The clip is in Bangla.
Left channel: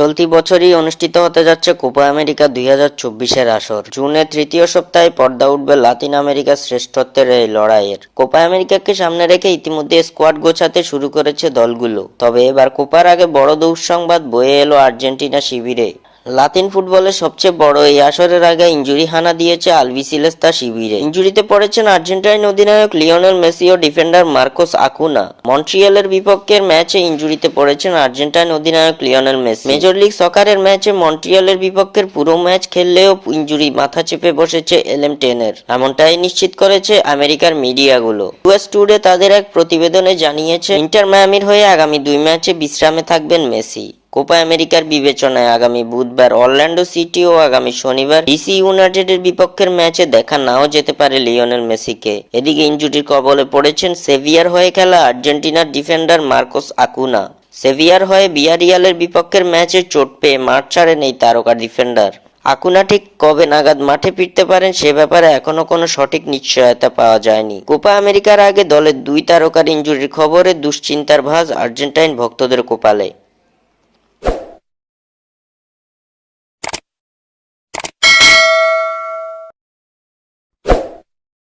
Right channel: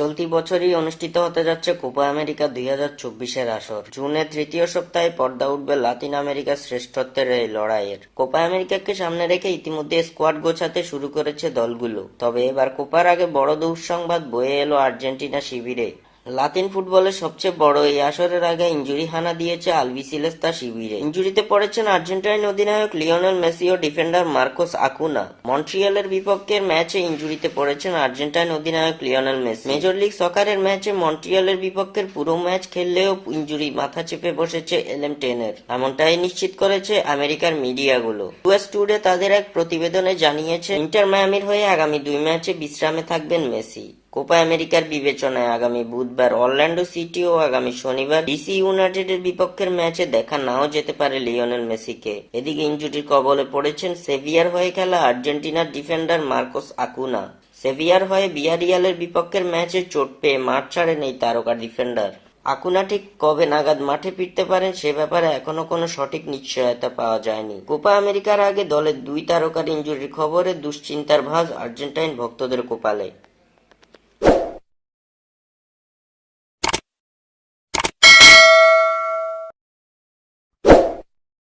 চলতি বছরই অনুষ্ঠিত হতে যাচ্ছে কোপা আমেরিকা 2024-এর আসর। জুনের তৃতীয় সপ্তাহে পর্দা উঠবে লাতিন আমেরিকার শ্রেষ্ঠত্বের এই লড়াইয়ের। কোপা আমেরিকাকে সামনে রেখে ইতিমধ্যে স্কোয়াড গোছাতে শুরু করেছে দলগুলো। তবে এবার কোপার আগে বড় দুঃসংবাদ বয়ে এলো আর্জেন্টিনা শিবিরে। লাতিন ফুটবলের সবচেয়ে বড় এই আসরের আগে ইনজুরি হানা দিয়েছে আলবিসেলেস্তা শিবিরে। ইনজুরিতে পড়েছেন আর্জেন্টাইন অধিনায়ক লিওনেল মেসি ও ডিফেন্ডার মার্কোস আকুনা। মন্ট্রিয়ালের বিপক্ষের ম্যাচে ইনজুরিতে পড়েছেন আর্জেন্টাইন অধিনায়ক লিওনেল মেসি। মেজর লিগ সকারের ম্যাচে মন্ট্রিয়ালের বিপক্ষের পুরো ম্যাচ খেললেও ইনজুরি মাথা চেপে বসেছে এলএম টেনের। এমনটাই নিশ্চিত করেছে আমেরিকার মিডিয়াগুলো। ইউএস টুডে তাদের এক প্রতিবেদনে জানিয়েছে ইন্টার মায়ামির হয়ে আগামী 2 ম্যাচে বিশ্রামে থাকবেন মেসি। কোপা আমেরিকার বিবেচনায় আগামী বুধবার অরল্যান্ডো সিটি ও আগামী শনিবার ডিসি ইউনাইটেডের বিপক্ষের ম্যাচে দেখা নাও যেতে পারে লিওনেল মেসিকে। এদিকে ইনজুরির কবলে পড়েছেন সেভিয়ার হয়ে খেলা আর্জেন্টিনার ডিফেন্ডার মার্কোস আকুনা। সেভিয়ার হয়ে বিয়ারিয়ালের বিপক্ষের ম্যাচে চোট পেয়ে মাঠ ছাড়েন এই তারকা ডিফেন্ডার। আকুনা ঠিক কবে নাগাদ মাঠে ফিরতে পারেন সে ব্যাপারে এখনো কোনো সঠিক নিশ্চয়তা পাওয়া যায়নি। কোপা আমেরিকার আগে দলের 2 তারকার ইনজুরির খবরে দুশ্চিন্তার ভাঁজ আর্জেন্টাইন ভক্তদের কপালে।